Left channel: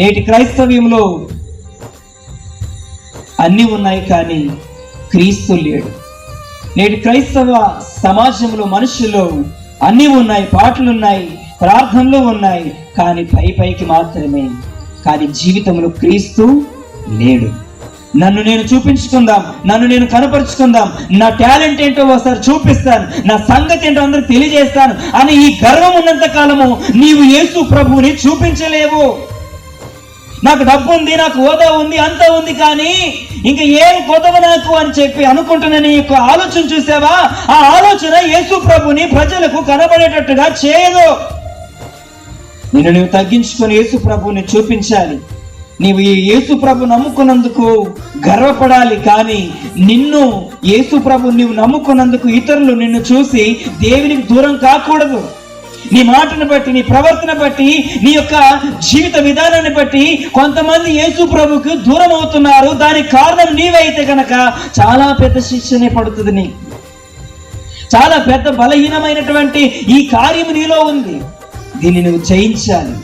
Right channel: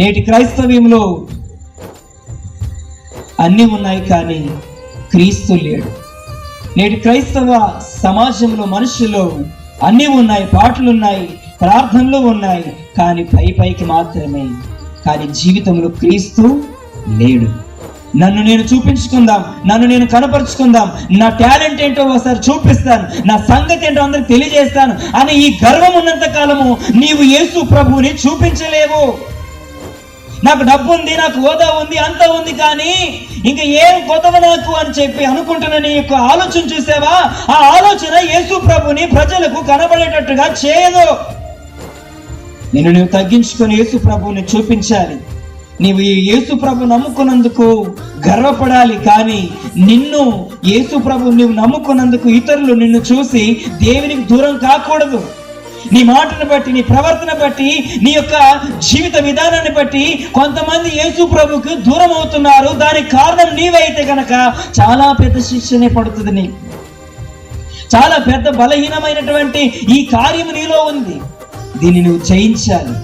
నేటి క్రైస్తవ్యంలో అన్నీ ఉన్నాయి కానీ క్రీస్తు లేడు. నేటి క్రైస్తవ సమాజంలో మనుషుల్లో అన్నీ ఉన్నాయి, పాటలు ఉన్నాయి, ప్రార్థనలు ఉన్నాయి, కానీ పైకి మాత్రమే. కానీ జీవితంలో క్రీస్తు లేడు. నన్ను నేను చూపించుకుందాం, నన్ను నేను కనపరుచుకుందాం, నా టాలెంట్ ఏంటో ఒకసారి చూపిస్తాను, నా సంగతి ఏంటో అందరికి తెలియజేస్తాను అని ఈ గర్వం ఉన్నంత కాలము నీవు యేసు ప్రభువుని చూపించలేవు. నాకు డబ్బు ఉంది, నాకు హోదా ఉంది, అంతా ఉంది, కానీ ఇంకా ఏం కొదవ నాకు అని చెప్పి అనుకుంటున్న నీ యొక్క ఆలోచన చూసావా? ఆ ఆలోచన యేసు ప్రభుని ప్రజలకు కనబడేటట్టుగా చేయదు. నిన్ను నువ్వు తగ్గించుకొని యేసు ప్రభుని చూపించాలి. నీవు ఈ యేసు ప్రభు నమ్ముకున్నందుకు గర్వపడాలి, కానీ నిన్ను యేసు ప్రభు నీవు నమ్ముకున్నందుకు ఇతరులు నిన్ను చూసి దేవునికి దూరం కాకూడదు. నీ మాటను బట్టి, నీ ప్రవర్తన బట్టి, నీ యొక్క జీవిత విధానాన్ని బట్టి కొంతమంది యేసు ప్రభుకు దూరం అవుతున్నారు. దానికి కారణం నీవైతే కనుక చాలా పెద్ద శిక్షనే పడుతుంది. నీకు చాలా పెద్ద బలహీనమైనటువంటి ఈ కార్యం నీలో ఉంది. దీన్ని నువ్వు జయించాలి.